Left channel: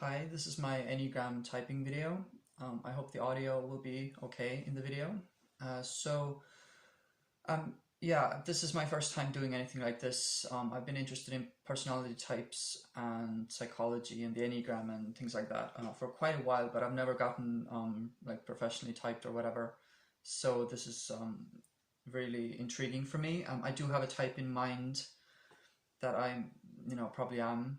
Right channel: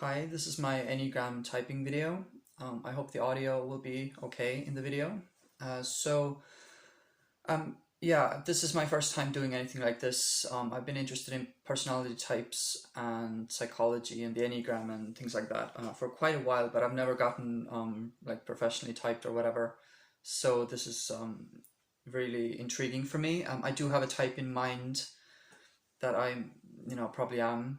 Hi, this is my Enneagram typing video. I hope the audio will be okay in the video. So, yeah, this is my first time doing anything like this. I've been interested in personality types and psychology and the Enneagram and things like that for quite a while, but I've never gotten like professionally typed or whatever. So this is really intriguing for me. I do have a type in mind that probably am.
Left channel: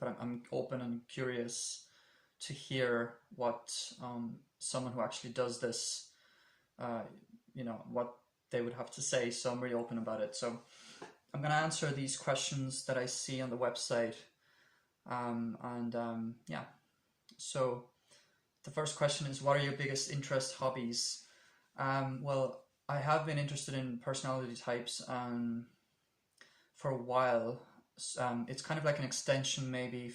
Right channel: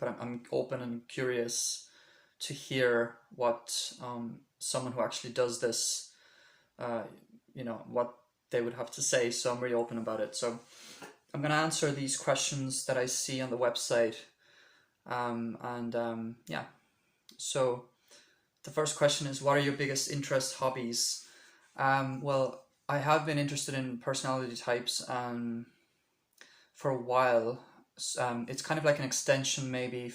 But I'm open and curious to hear what someone who actually does this, uh, what they would have to say. So I'm really open about it. So I'm going to answer these questions that I see on the website. Yeah, so the first question is, what are your biggest interests, hobbies? Well, I have been interested in personality types for a while. It's kind of like an extension maybe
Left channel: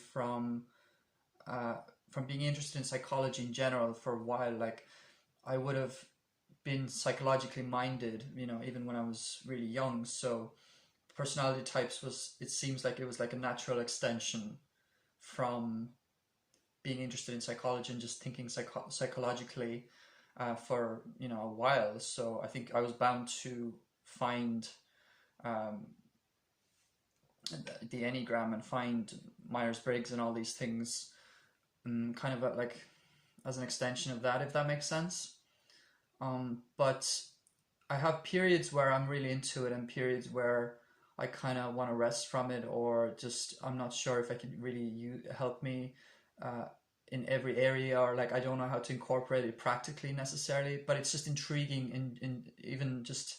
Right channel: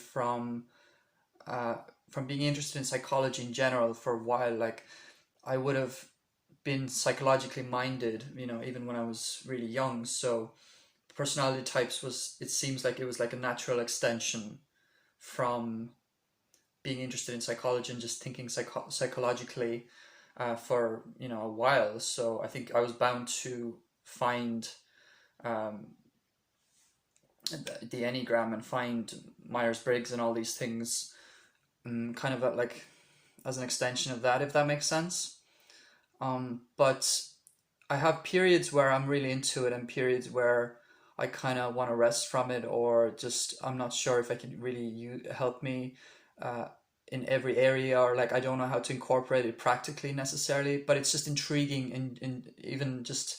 uh, from being interested in psychology in general for a while. Like I would have been psychologically minded, even when I was really young. So personality types it seems like it was like a natural extension from being interested in psychology and just thinking psychologically for a while. So I think I was bound to find um, the Enneagram and find Myers-Briggs and all these things kind of like as an extension of that, if that makes sense. But I have periods where I'm really into it and periods where I kind of want to rest from it, or just I'm not sure if I can really help me uh, in every area, or like I don't know how to incorporate it practically necessarily, but it's just intriguing in even just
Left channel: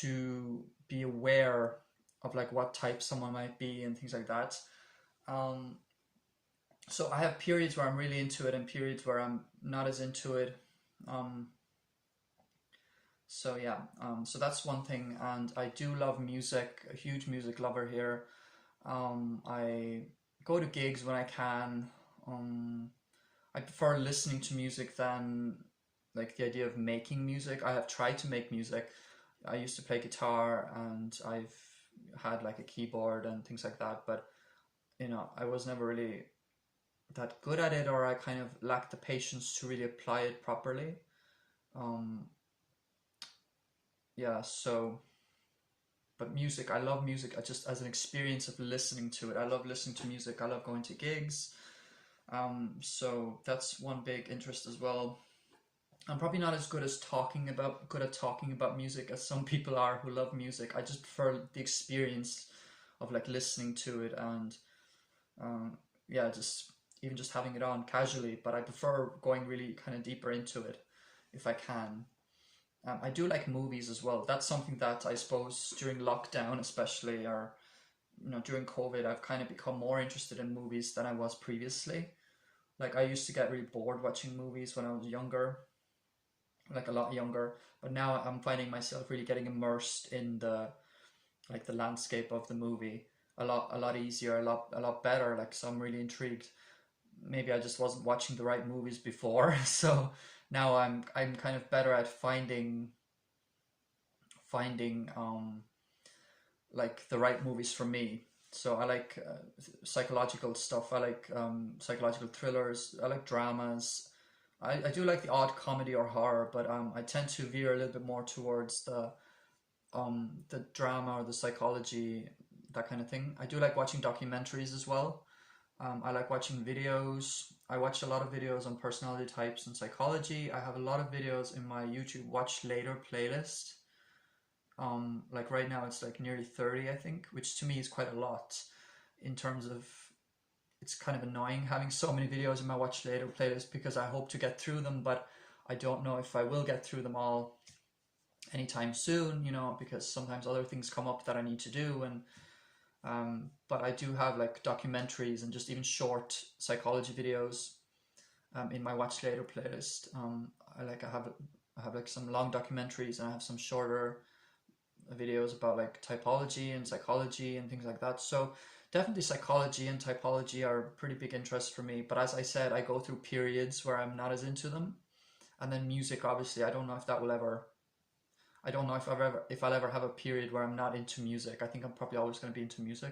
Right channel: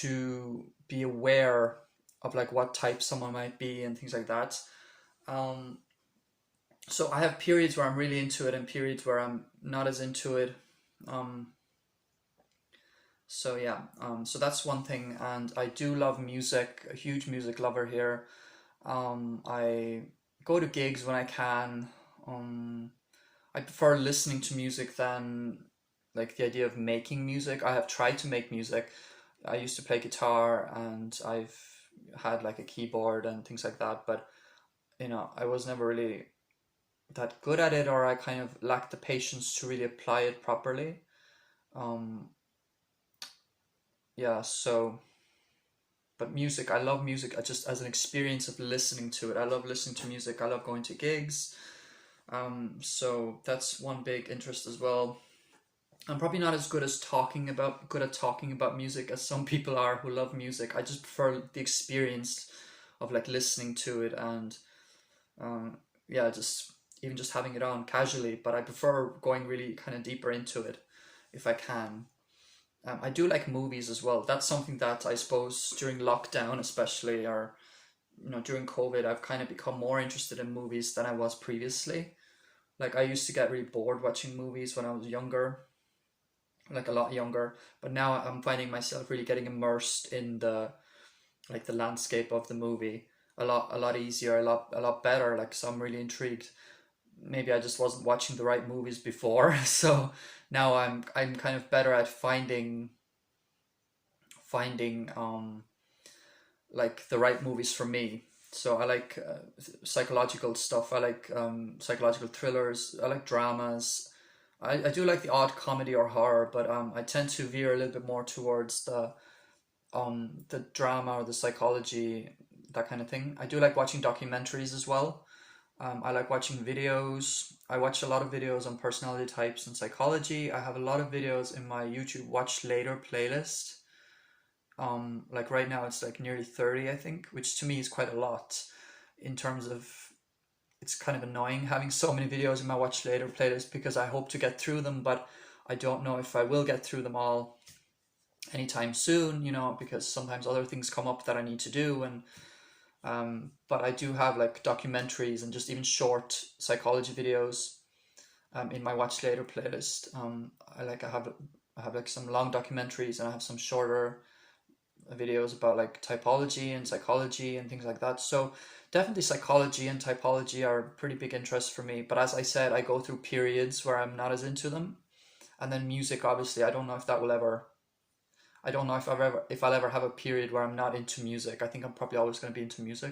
to be aware of like what type someone might be and things like that. Um, so I have periods where I'm really into it and periods where I'm not as into it. Um, so yeah, so that's one thing, and I do love music. A huge music lover here. I go to gigs when I can. I prefer listening to music than like the idea of making music. I have tried to make music. I used to play guitar and I've had like a keyboard and things like that, but I was never really that good at it, or I kind of lacked the patience to really apply it properly. Um, yeah, so, but music, I love music just as an experience of listening to it. I love listening to music. I love going to gigs. So that's one big interest as well. I'm probably not as good at talking about music as some people are who love music. I just prefer the experience of like listening to it and um, yeah, just even just having it on casually. But I prefer going really kind of deeper into it if I can. I do like movies as well. That's something that I suppose during lockdown, especially, or during COVID, I've kind of become more interested in movies than I was previously. Like I used to get really bored watching movies when I was younger, like a lot younger, but now I'm finding myself really getting immersed in the landscape of the movie a lot easier, a lot better. Like, so I'm really intrigued. Maybe I just wasn't watching the right movies before, so now I'm kind of better at finding like the right movies for me. So I like psychological stuff. I like psychological thrillers. I like dramas. I do like the odd comedy or horror, but I tend to veer a little bit more towards the drama or the psychology, that kind of thing. I do like watching documentaries as well. I like watching videos. I watch a lot of videos on personality types and psychology. I have a lot of videos in my YouTube Watch Later playlist. Like right now it's like nearly 30, I think, which to me is quite a lot in terms of it's kind of annoying having so many videos in my Watch Later playlist because I hope to get through them, but I don't know if I will get through them all anytime soon, because sometimes other things come up that I need to do. And but I do have like documentaries and just even short psychology videos in my Watch Later playlist. I have like some long documentaries, and I have some shorter videos about like typology and psychology and things like that. So definitely psychology and typology are pretty big interests for me. But as I said, I go through periods where I'm not as into them. And then music, obviously, I don't know if that will ever. I don't know if I'll ever have a period where I'm not into music. I think I'm probably always going to be into music.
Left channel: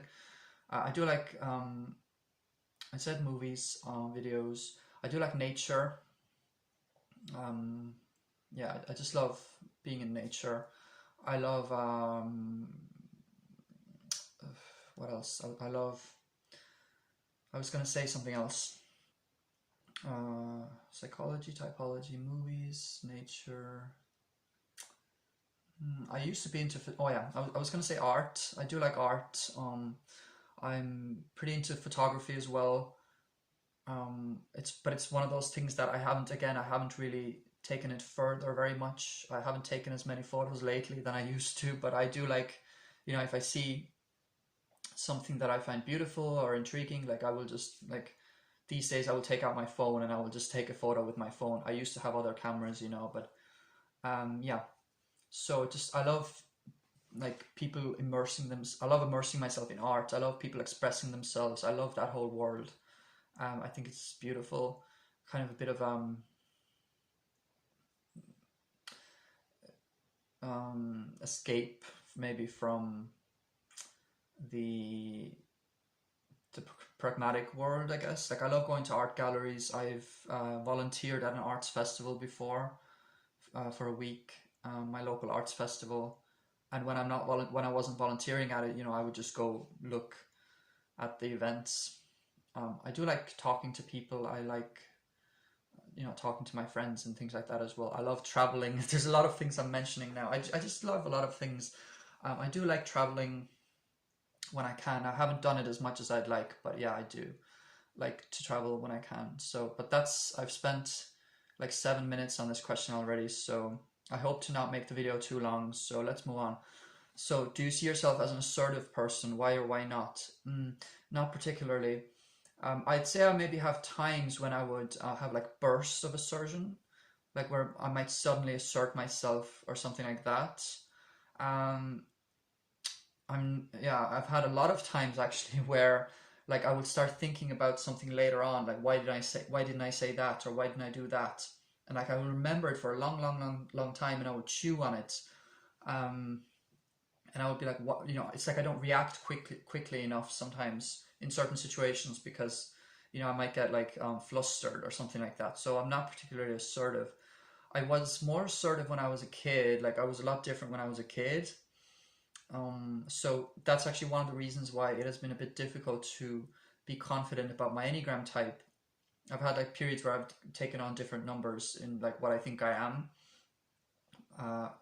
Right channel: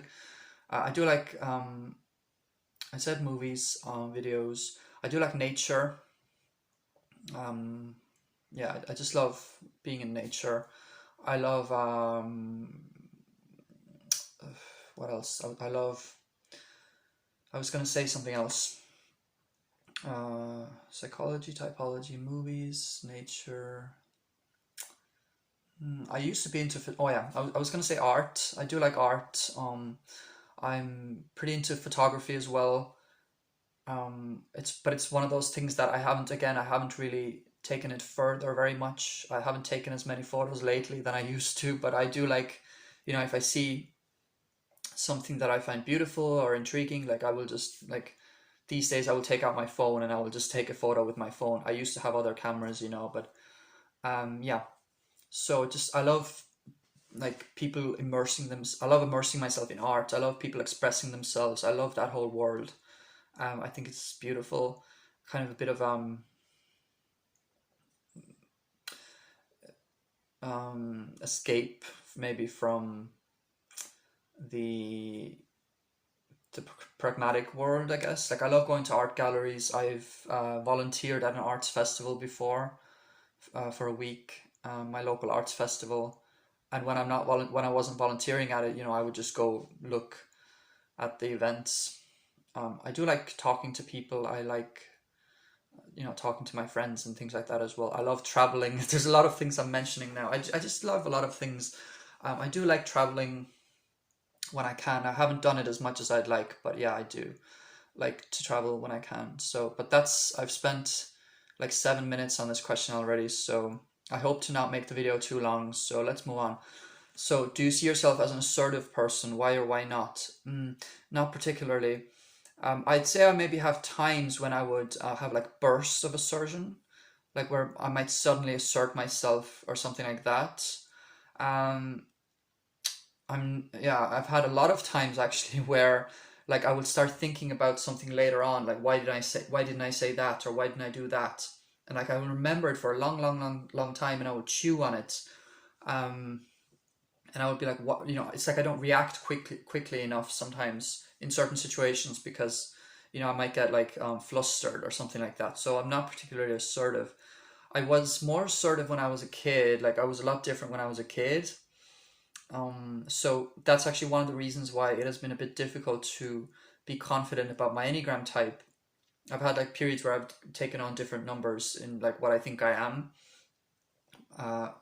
I do like, I said movies, videos. I do like nature. Um, yeah, I just love being in nature. I love, what else? I love, I was going to say something else. Psychology, typology, movies, nature. I used to be into, oh yeah, I was going to say art. I do like art. I'm pretty into photography as well. It's one of those things that I haven't really taken it further very much. I haven't taken as many photos lately than I used to, but I do like, if I see something that I find beautiful or intriguing, like I will just like, these days I will take out my phone and I will just take a photo with my phone. I used to have other cameras, but yeah. So just I love like people immersing them. I love immersing myself in art. I love people expressing themselves. I love that whole world. I think it's beautiful. Kind of a bit of escape maybe from the the pragmatic world, I guess. Like I love going to art galleries. I've volunteered at an arts festival before for a week, my local arts festival. And when when I wasn't volunteering at it, I would just go look at the events. I do like talking to people. I like talking to my friends and things like that as well. I love traveling. There's a lot of things I'm mentioning now. I just love a lot of things. I do like traveling when I can. I haven't done it as much as I'd like, but yeah, I do like to travel when I can. So, but I've spent like 7 minutes on this question already, so I hope to not make the video too long. So let's move on. So, do you see yourself as an assertive person? Why or why not? Not particularly. I'd say I maybe have times when I would have like bursts of assertion, like where I might suddenly assert myself or something like that. Um, I've had a lot of times actually where like I would start thinking about something later on, like why didn't I say that, or why didn't I do that, and like I will remember it for a long, long, long, long time, and I would chew on it. Um, and I would be like, what, it's like I don't react quickly enough sometimes in certain situations because I might get like flustered or something like that. So I'm not particularly assertive. I was more assertive when I was a kid. Like I was a lot different when I was a kid. So that's actually one of the reasons why it has been a bit difficult to be confident about my Enneagram type. I've had like periods where I've taken on different numbers in like what I think I am.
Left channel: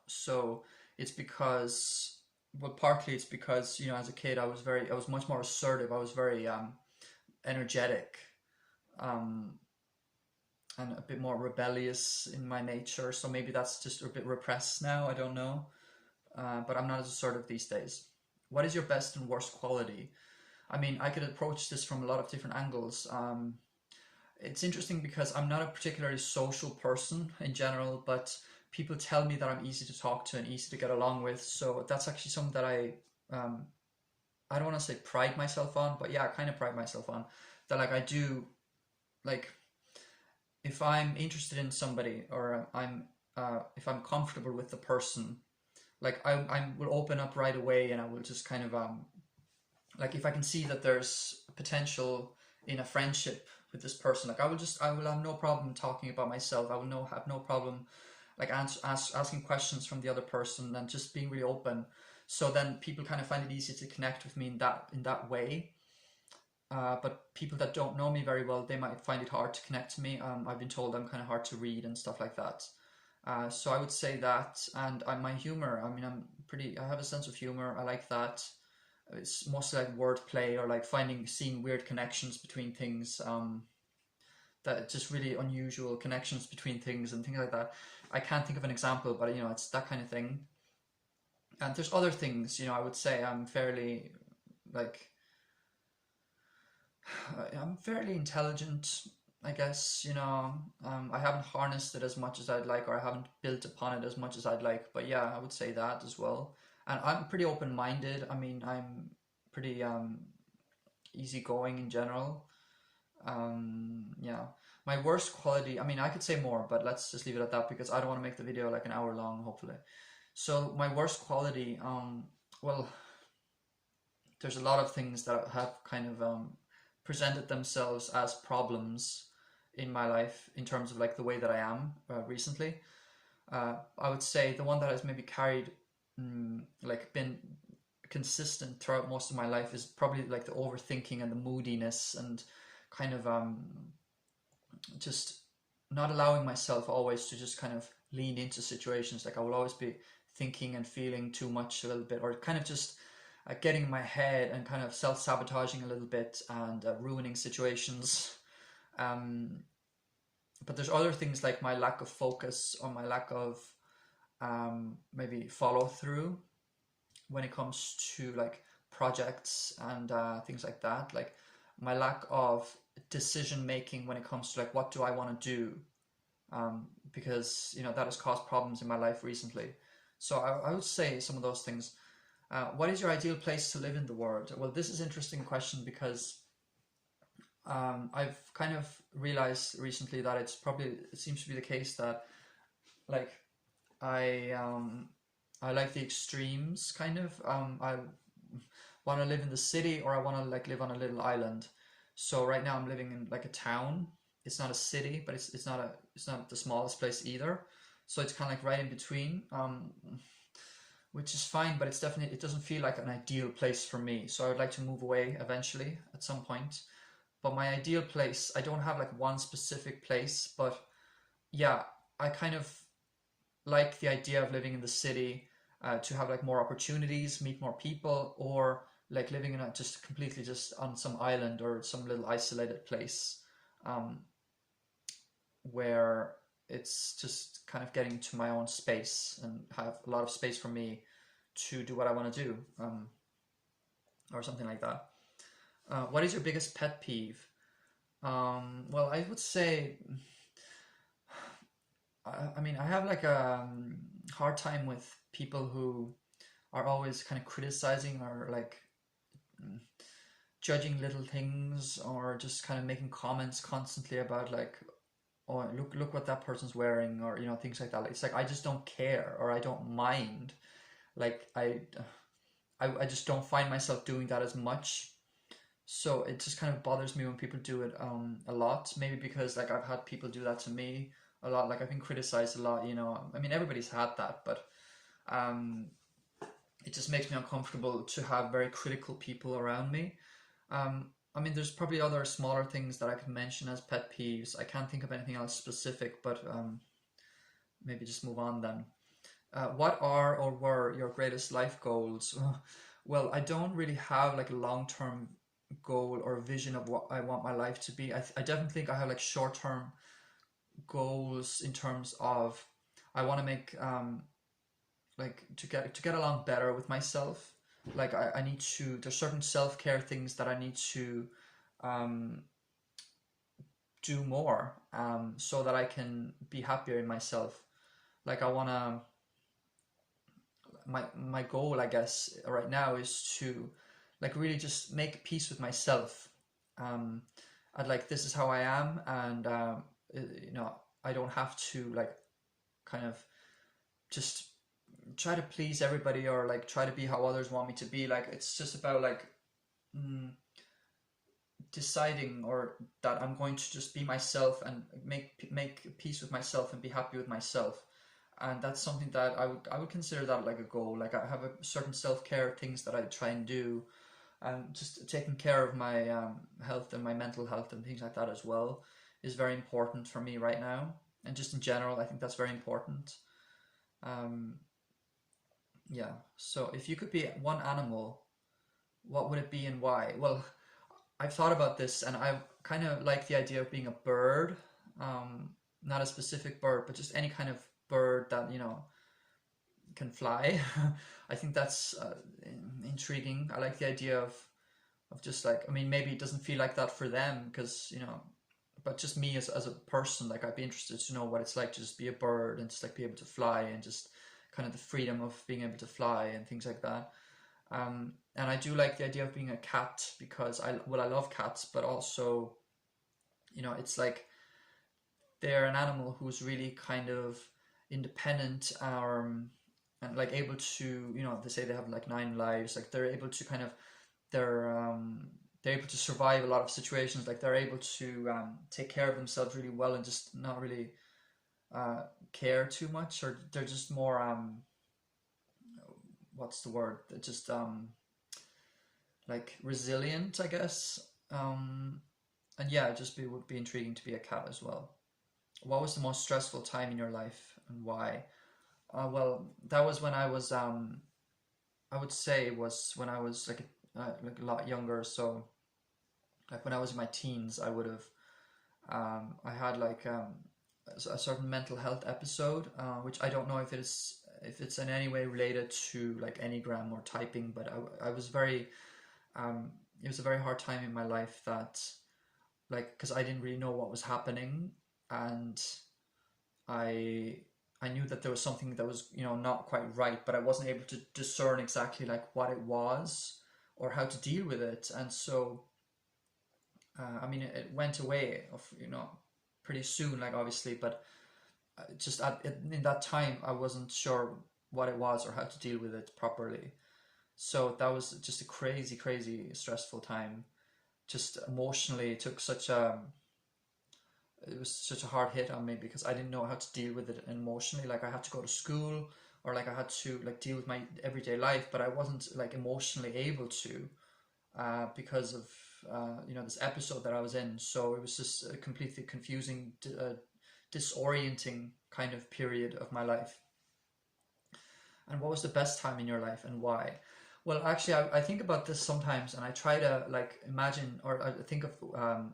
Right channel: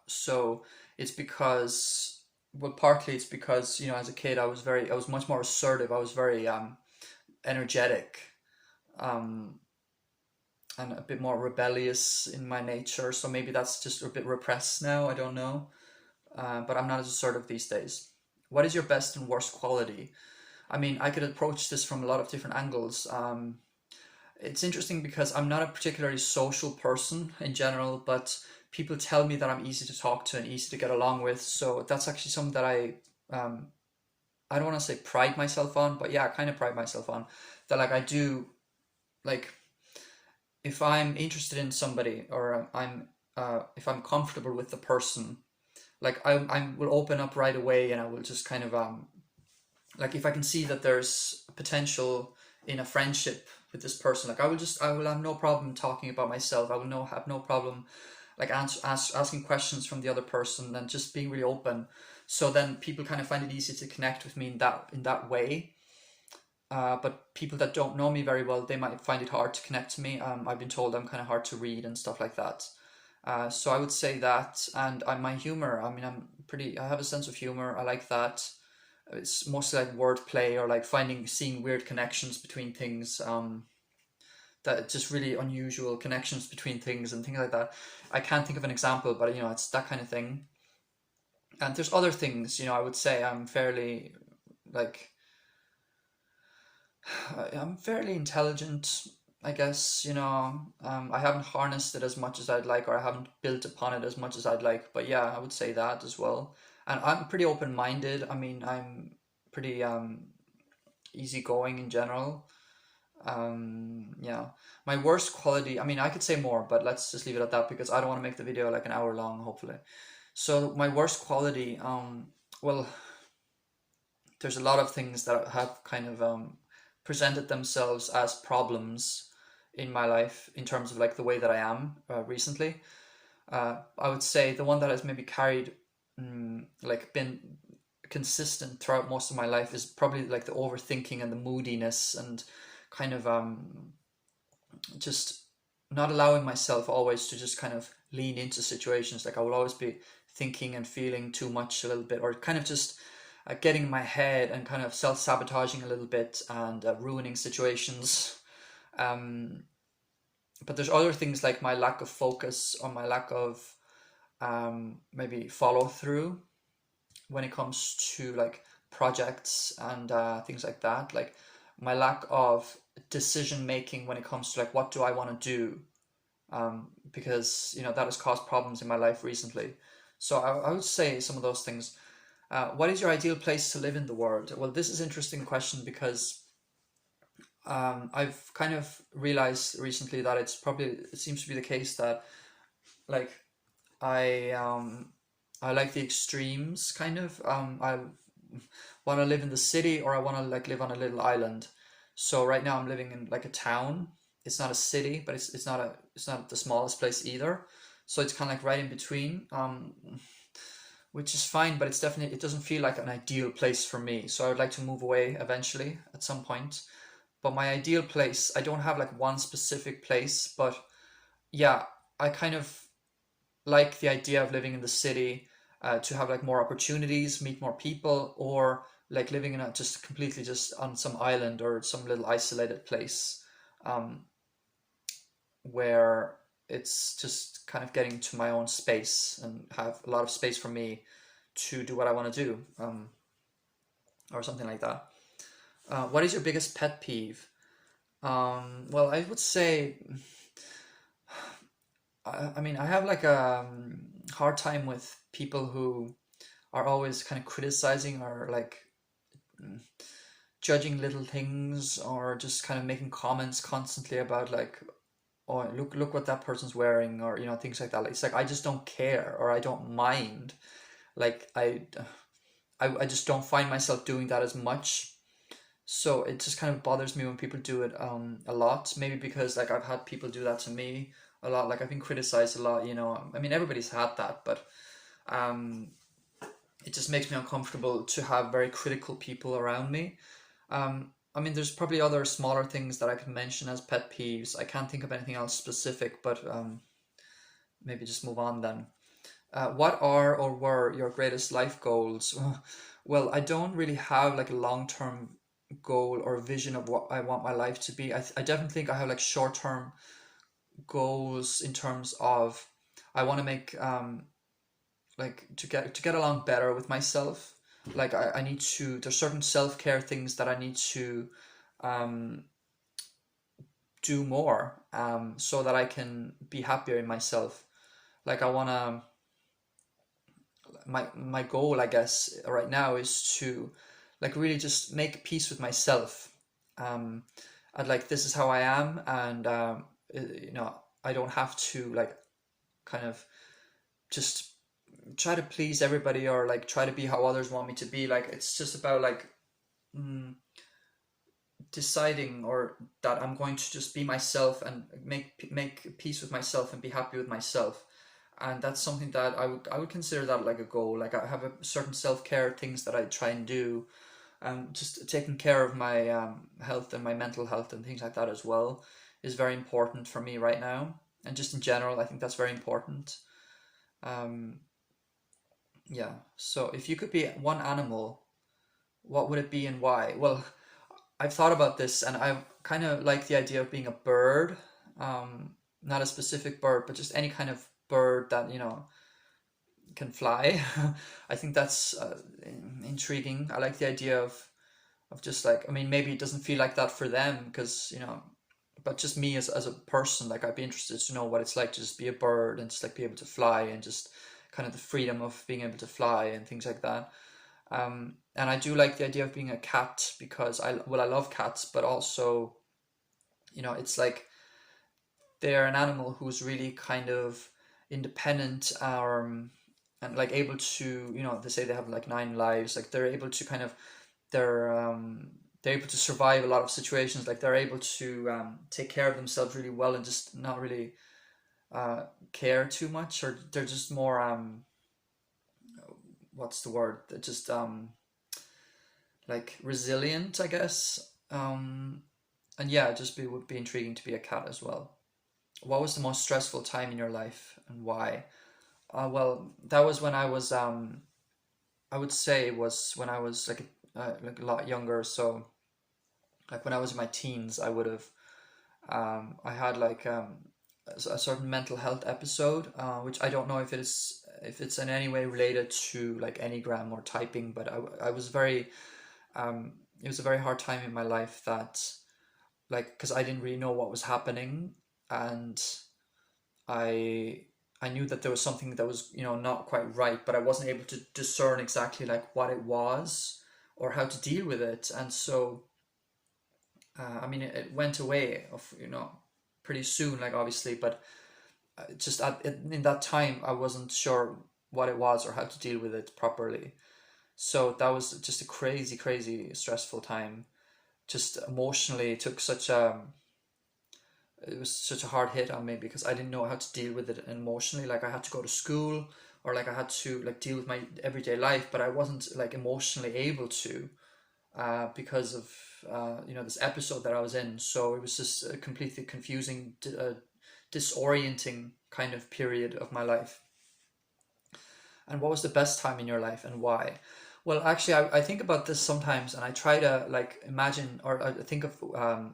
So it's because, well, partly it's because as a kid I was much more assertive. I was very energetic, um, and a bit more rebellious in my nature. So maybe that's just a bit repressed now. I don't know, but I'm not as assertive these days. What is your best and worst quality? I mean, I could approach this from a lot of different angles. It's interesting because I'm not a particularly social person in general, but people tell me that I'm easy to talk to and easy to get along with. So that's actually something that um, I don't want to say pride myself on, but yeah, I kind of pride myself on that. Like I do, like if I'm interested in somebody or if I'm comfortable with the person, like I will open up right away and I will just kind of like if I can see that there's potential in a friendship with this person, like I will have no problem talking about myself. I will have no problem like asking questions from the other person and just being really open. So then people kind of find it easy to connect with me in that way. But people that don't know me very well, they might find it hard to connect to me. I've been told I'm kind of hard to read and stuff like that. So I would say that, and my humor. I mean, I have a sense of humor. I like that. It's mostly like wordplay or like seeing weird connections between things. That just really unusual connections between things and things like that. I can't think of an example, but it's that kind of thing. And there's other things. I would say I'm fairly like I'm fairly intelligent, I guess. I haven't harnessed it as much as I'd like, or I haven't built upon it as much as I'd like. But yeah, I would say that as well. And I'm pretty open-minded. I mean, I'm pretty easygoing in general. Yeah. My worst quality, I mean, I could say more, but let's just leave it at that because I don't want to make the video like an hour long, hopefully. So my worst quality, well, there's a lot of things that have kind of presented themselves as problems in my life in terms of like the way that I am recently. I would say the one that has maybe carried, like been consistent throughout most of my life is probably like the overthinking and the moodiness and kind of just not allowing myself always to just kind of lean into situations. Like I will always be thinking and feeling too much a little bit, or kind of just getting in my head and kind of self-sabotaging a little bit and ruining situations. Um, but there's other things like my lack of focus or my lack of maybe follow through when it comes to like projects and things like that. Like my lack of decision making when it comes to like what do I want to do, because that has caused problems in my life recently. So I would say some of those things. What is your ideal place to live in the world? Well, this is an interesting question because I've kind of realized recently that it seems to be the case that like I I like the extremes kind of. I want to live in the city or I want to like live on a little island. So right now I'm living in like a town. It's not a city, but it's not the smallest place either. So it's kind of like right in between, which is fine, but it doesn't feel like an ideal place for me. So I would like to move away eventually at some point. But my ideal place, I don't have like one specific place, but yeah, I kind of like the idea of living in the city, to have like more opportunities, meet more people, or like living in a just completely just on some island or some little isolated place, um, where it's just kind of getting to my own space and have a lot of space for me to do what I want to do, or something like that. What is your biggest pet peeve? Well, I would say, I mean, I have like a hard time with people who are always kind of criticizing or like judging little things or just kind of making comments constantly about like, oh, look what that person's wearing, or things like that. It's like I just don't care or I don't mind. Like I just don't find myself doing that as much. So it just kind of bothers me when people do it a lot. Maybe because like I've had people do that to me a lot. Like I've been criticized a lot. I mean, everybody's had that, but um, it just makes me uncomfortable to have very critical people around me. I mean, there's probably other smaller things that I could mention as pet peeves. I can't think of anything else specific, but maybe just move on then. What are or were your greatest life goals? Well, I don't really have like a long-term goal or vision of what I want my life to be. I definitely think I have like short-term goals in terms of I want to make like to get along better with myself. Like I need to, there's certain self-care things that I need to um, do more, so that I can be happier in myself. Like I want to, my goal I guess right now is to like really just make peace with myself. um I'd like, this is how I am, and I don't have to like kind of just try to please everybody or like try to be how others want me to be. Like it's just about like mm, deciding or that I'm going to just be myself and make peace with myself and be happy with myself. And that's something that I would consider that like a goal. Like I have a certain self-care things that I try and do, just taking care of my health and my mental health and things like that as well is very important for me right now. And just in general, I think that's very important. um, yeah, so if you could be one animal, what would it be and why? Well, I've thought about this and I kind of like the idea of being a bird. Not a specific bird, but just any kind of bird that can fly. I think that's intriguing. I like the idea of just like, I mean, maybe it doesn't feel like that for them because but just me as a person, like I'd be interested to know what it's like to just be a bird and just like be able to fly and just kind of the freedom of being able to fly and things like that. And I do like the idea of being a cat because I love cats, but also it's like they're an animal who's really kind of independent, and like able to, they say they have like 9 lives, like they're able to kind of they're they're able to survive a lot of situations. Like they're able to take care of themselves really well and just not really care too much, or they're just more what's the word? They're just like resilient, I guess. And yeah, would be intriguing to be a cat as well. What was the most stressful time in your life and why? Well, that was when I was I would say it was when I was like a lot younger. So like when I was in my teens, I would have I had like a certain mental health episode, which I don't know if it's in any way related to like Enneagram or typing, but I was very it was a very hard time in my life that like because I didn't really know what was happening, and I I knew that there was something that was not quite right, but I wasn't able to discern exactly like what it was or how to deal with it, and so I mean it went away of pretty soon, like obviously, but just in that time I wasn't sure what it was or how to deal with it properly. So that was just a crazy, crazy stressful time. Just emotionally, it was such a hard hit on me because I didn't know how to deal with it emotionally. Like I had to go to school, or like I had to like deal with my everyday life, but I wasn't like emotionally able to because of this episode that I was in. So it was just a completely confusing, disorienting kind of period of my life. And what was the best time in your life and why? Well, actually, I think about this sometimes, and I try to like imagine or I think of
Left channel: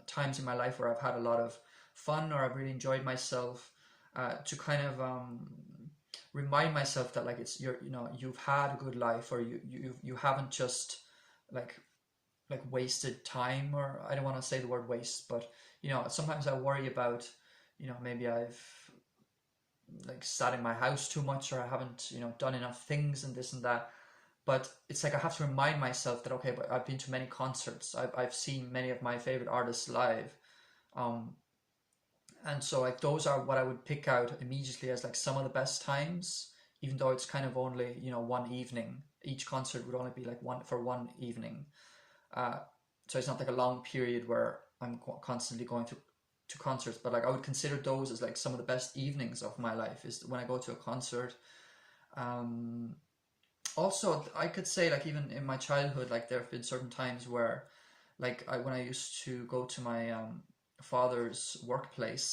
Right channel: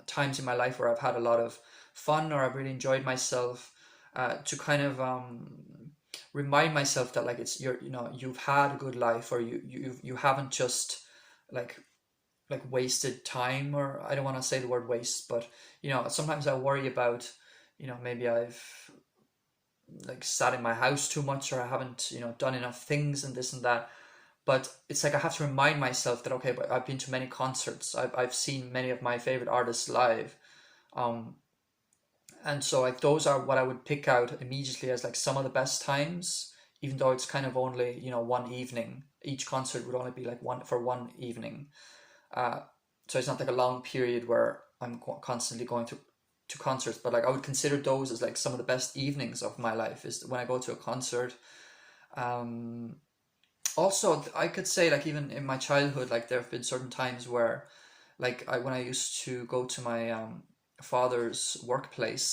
times in my life where I've had a lot of fun or I've really enjoyed myself, to kind of remind myself that like you've had a good life, or you haven't just like wasted time. Or I don't want to say the word waste, but sometimes I worry about maybe I've like sat in my house too much, or I haven't done enough things and this and that. But it's like I have to remind myself that okay, but I've been to many concerts, I've seen many of my favorite artists live, um and so like those are what I would pick out immediately as like some of the best times, even though it's kind of only one evening. Each concert would only be like one evening, uh so it's not like a long period where I'm constantly going to concerts. But like I would consider those as like some of the best evenings of my life is when I go to a concert. um Also, I could say like even in my childhood, like there have been certain times where like when I used to go to my father's workplace,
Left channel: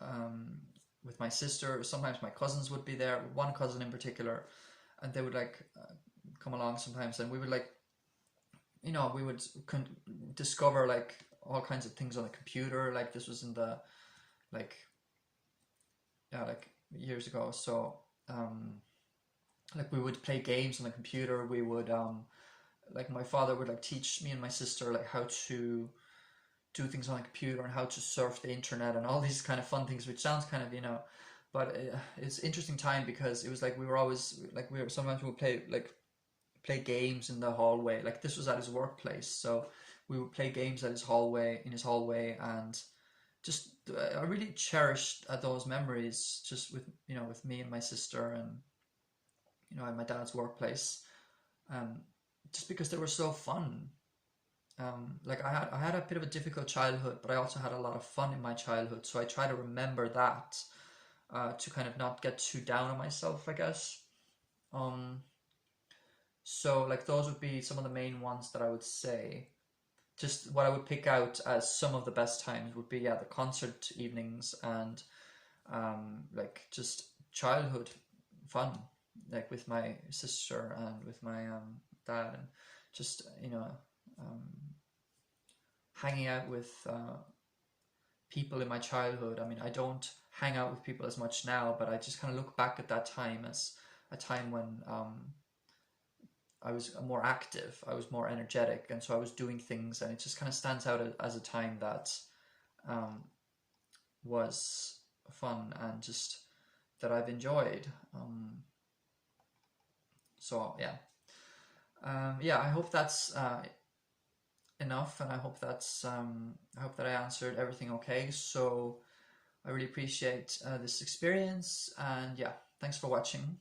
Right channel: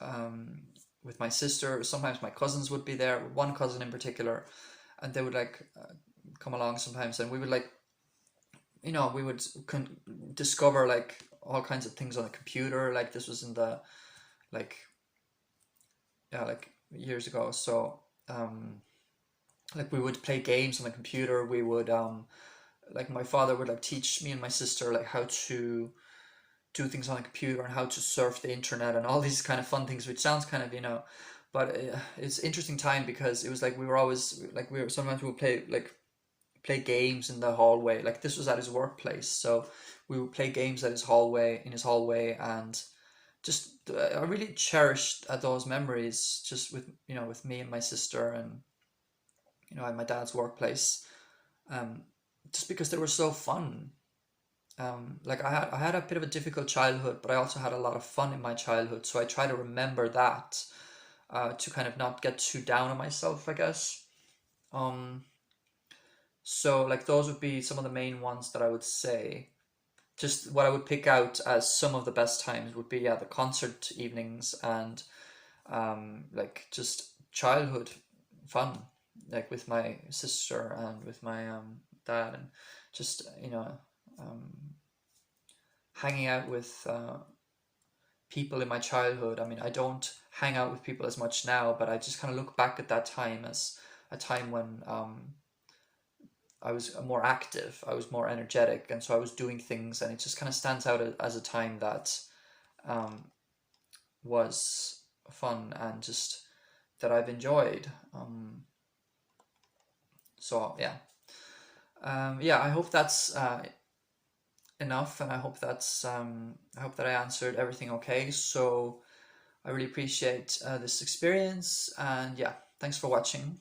um, with my sister, sometimes my cousins would be there, one cousin in particular, and they would like come along sometimes, and we would like we would discover like all kinds of things on the computer. Like this was in the like yeah, like years ago. So like we would play games on the computer. We would like my father would like teach me and my sister like how to do things on the computer and how to surf the internet and all these kind of fun things, which sounds kind of but it's interesting time because it was like we were always like sometimes we would play games in the hallway. Like this was at his workplace, so we would play games at his hallway and just I really cherished those memories just with with me and my sister, and at my dad's workplace, um, just because they were so fun. Like I had a bit of a difficult childhood, but I also had a lot of fun in my childhood. So I try to remember that, to kind of not get too down on myself, I guess. Um, so like those would be some of the main ones that I would say. Just what I would pick out as some of the best times would be, yeah, the concert evenings and like just childhood fun, like with my sister and with my dad, and just um, hanging out with people in my childhood. I mean, I don't hang out with people as much now, but I just kind of look back at that time as a time when I was more active, I was more energetic, and so I was doing things, and it just kind of stands out as a time that um, was fun and just that I've enjoyed. So yeah, yeah. I hope that's enough, and I hope that I answered everything okay. So I really appreciate this experience, and yeah, thanks for watching.